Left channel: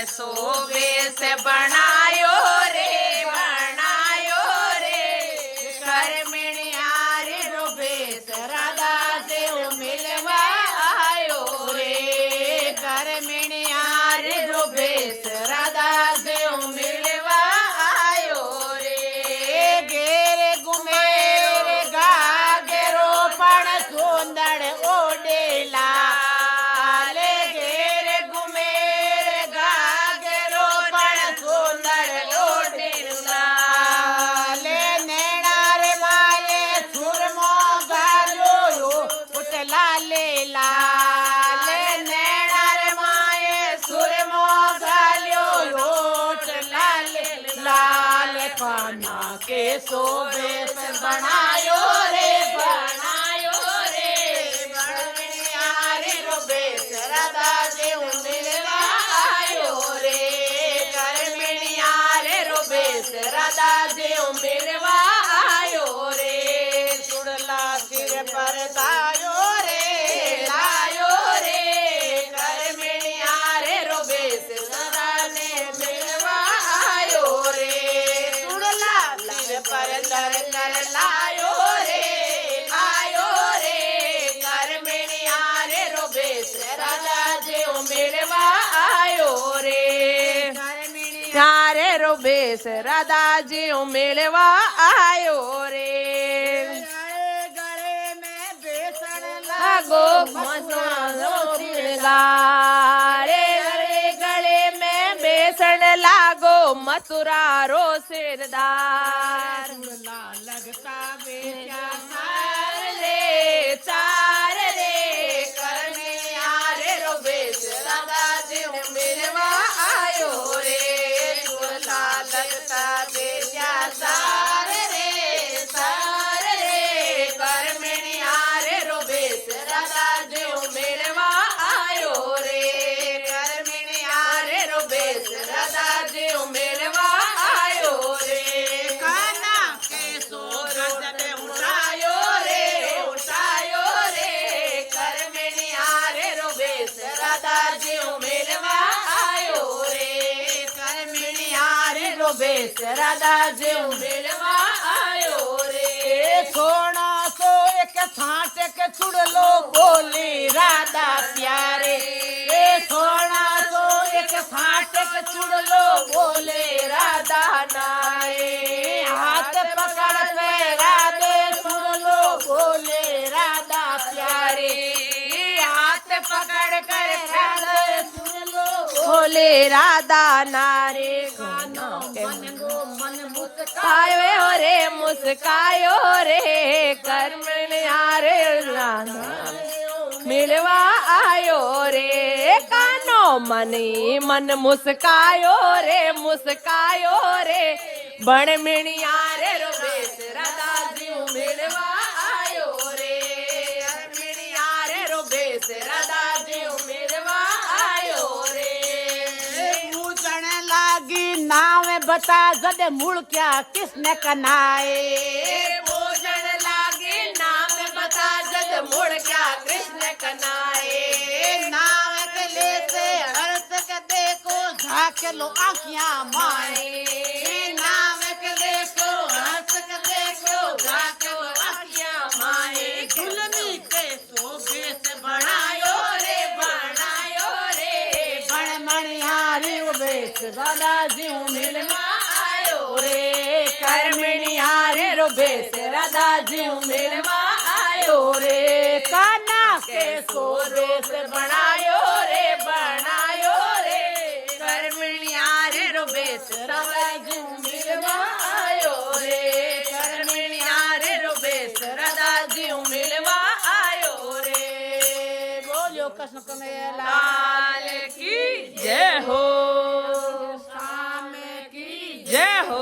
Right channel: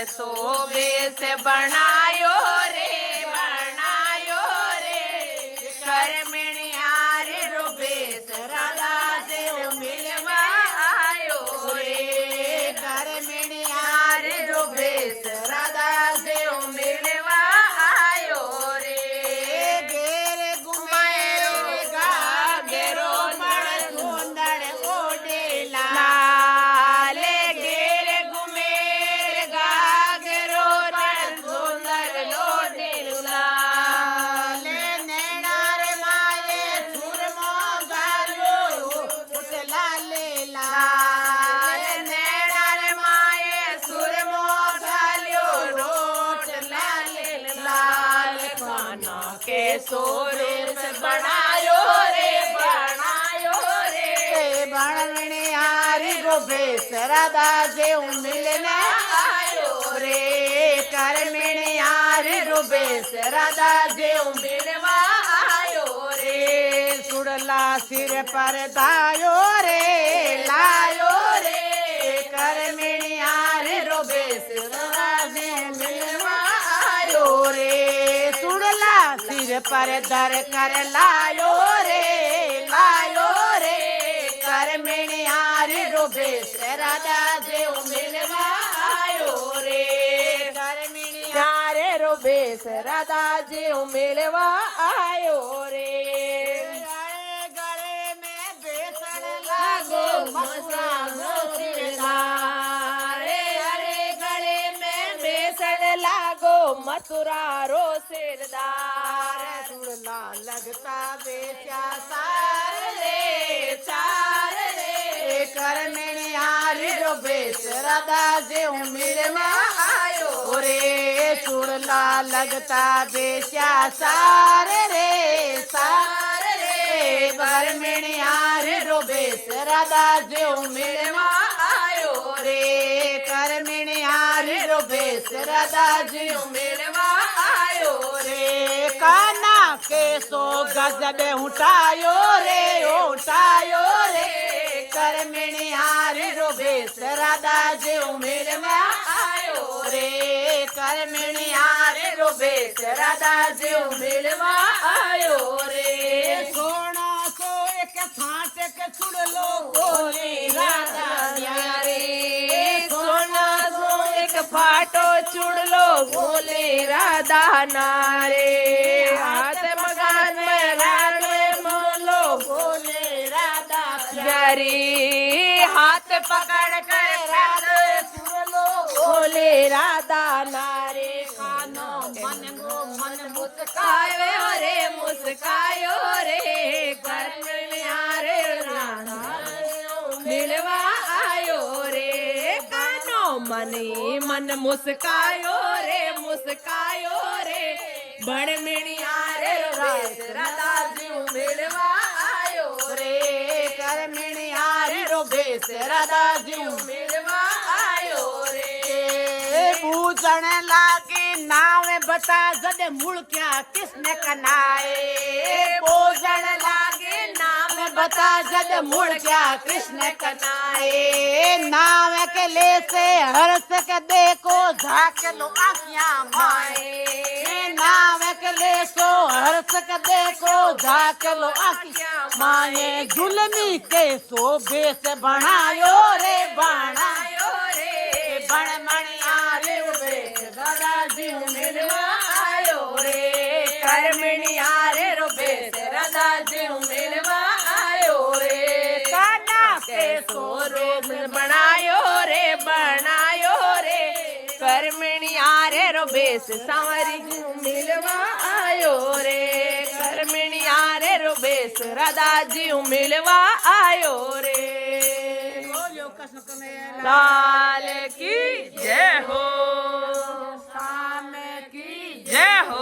कैसो बेस बनायो रे करमणिया रे रो बेस राधा देव मिलवा आयो रे करमणिया रे रो बेस राधा देव मिलवा आयो रे घेर घुमे रे गागरो पण सुंदर ओडेला ले घेर घुमे रे गागरो पण सुंदर लोडेला ले नैना रे माये सुरमो गालो पुतला ले लाल नैना रे माये सुरमो गालो लोटला ले लाल पाना के सोबेस बनायो रे बननिया रे रो बेस राधा देव मिलवा आयो रे करमणिया रे रो बेस राधा देव मिलवा आयो रे चुड़ला सिर पर दायो रे करमणिया रे रो बेस सदा देव मिलवा आयो रे चुड़ला सिर पर दर कर लायो रे आयो रे करमणिया रे रो बेस राधा देव मिलवा आयो रे करमणिया रे रो बेस राधा देव मिलवा आयो रे गले में बेसन लागो मथुरा रो सिरदार अरे गले में बेसन लागो मथुरा रो सिरदार चुड़ला लगता बेचा चार रे करमणिया रे रो बेस राधा देव मिलवा आयो रे चुड़ला लगता बेचा चार रे करमणिया रे रो बेस राधा देव मिलवा आयो रे करमणिया रे रो बेस राधा देव मिलवा आयो रे काना के सो गजब उठायो रे करमणिया रे रो बेस राधा देव मिलवा आयो रे करमणिया रे रो बेस राधा देव मिलवा आयो रे सोना सो एक छाट के चुड़लो बोले राधा प्यारे सोना सो एक फाटो चुड़लो बोले राधा नारे हाथ पकड़ के राधे चुड़लो बोले राधा प्यारे हाथ पकड़ कर राधे चुड़लो बोले राधा नारे कानो मन गो मन मुस्कायो रे करमणिया रे राधा मिलवा आयो रे कानो मन मुस्कायो रे बनमणिया रे रो बेस राधा देव मिलवा आयो रे करमणिया रे रो बेस राधा देव मिलवा आयो रे पूछण लागी नाम बता जद मुड़ क्या किसने कनाए पूछण लागी नाम बता जद मुड़ क्या कृष्ण कनाए नाम के ले से हर्ष के देखो झाक लो आँखियाँ माए नाम के देखो हर्ष के देखो झाक लो आँखियाँ माए जुलमी के सो बेस बनायो रे बनमणिया रे बेस राधा देव मिलवा आयो रे करमणिया रे रो बेस राधा देव मिलवा आयो रे काना के सो बेस बनायो रे करमणिया रे रो बेस सावरी देव मिलवा आयो रे करमणिया रे रो बेस राधा देव मिलवा आयो रे बोलो कृष्ण कन्हैया लाल की जय हो, शाम की जय हो।